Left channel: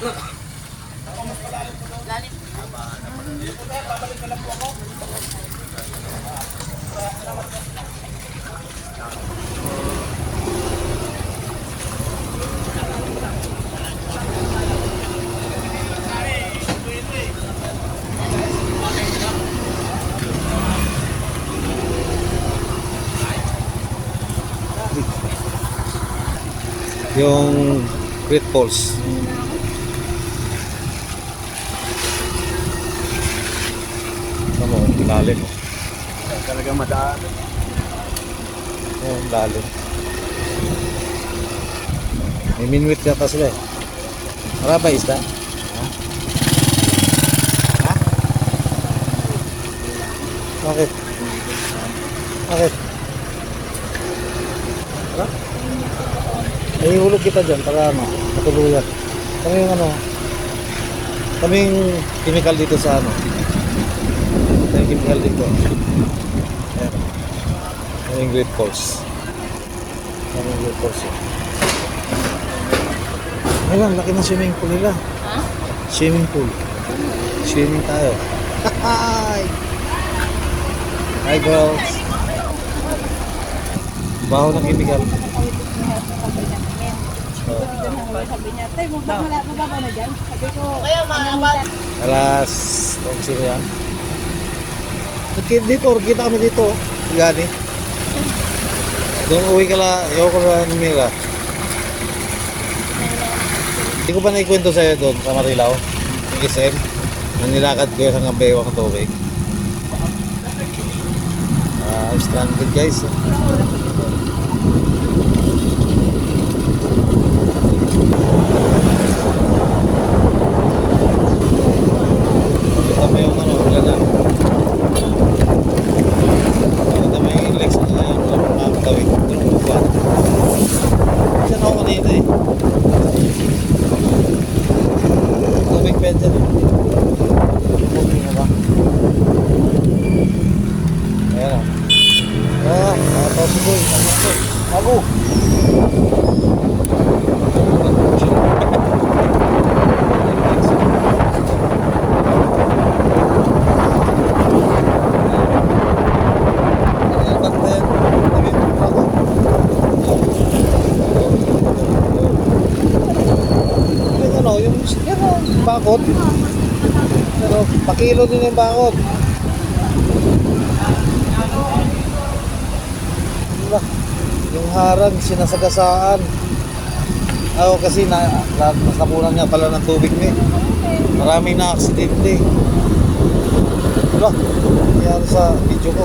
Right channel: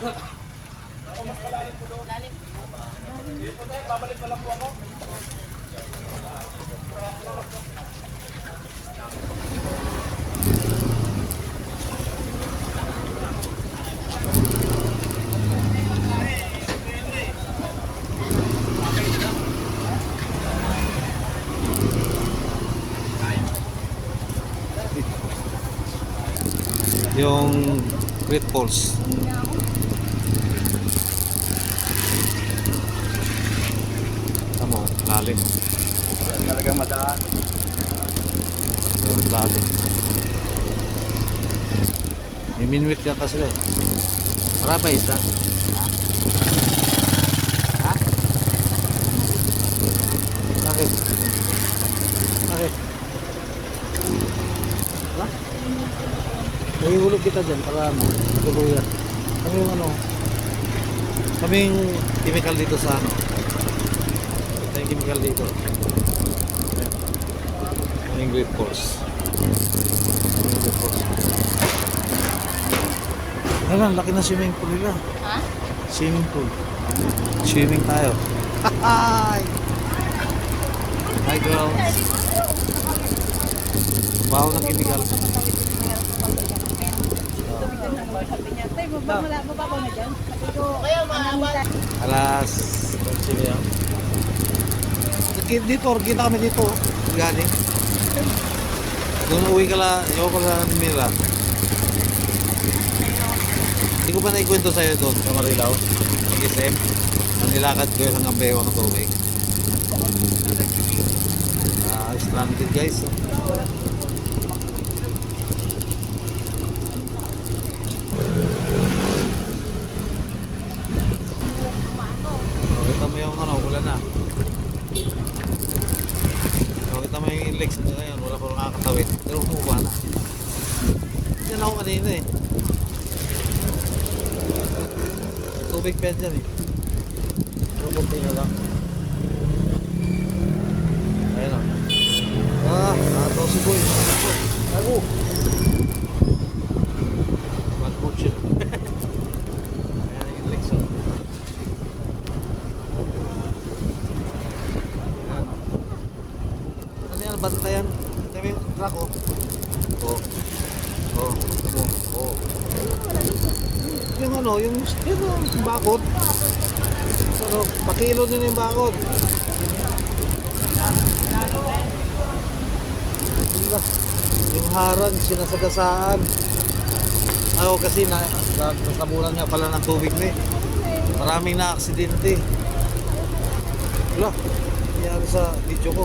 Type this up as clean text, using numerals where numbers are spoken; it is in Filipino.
Lalim. Yung Great Falls. Ano mo, lalim. Talagang madaan. Oh, lalim. May minwit yata sila eh. Marami ba isda? Ha? Ha? Bakit? Bakit? Ha? Nahihulog kita dyan para ano, matuluyan. Kami yung ano, kaming chemical dito sa ano. May chemical dito. Ayan. Yung Great Falls. Yung Great Falls. Ayan, laki ng swimming pool nila. Ha? Swimming pool. Swimming tayo. Hi! Hi girls. Baho ng chemical. Sabi niya, tay, mababaw na dyan. Sabi ko, Alas 11 yan. Dito, kita kami dito. Gani. Doon uwi ka la, ayaw ko sa Mira. Hindi ko pa naikwento sa'yo doon sa Marilao. Gisem. Nanilakad ko yung hanggang bewang ng tubig. Stranded guys. Kita mo yung ano, wala na. Kita mo yung legs na yan. Wala pa makakatawid. Tulong buwan. Diyan ako kanina eh. Tubig pa dyan eh. Tubig na ba? Ayan ah. Nakatawa si Boy. Ako. Yung bakod. Pero pakilo din yung bakod. Yung harang sinasagasaan. Ako kasi nasapunan nga pala ng tubig na eh. Maraming na aksidente. Wala, nangyari sa video ko.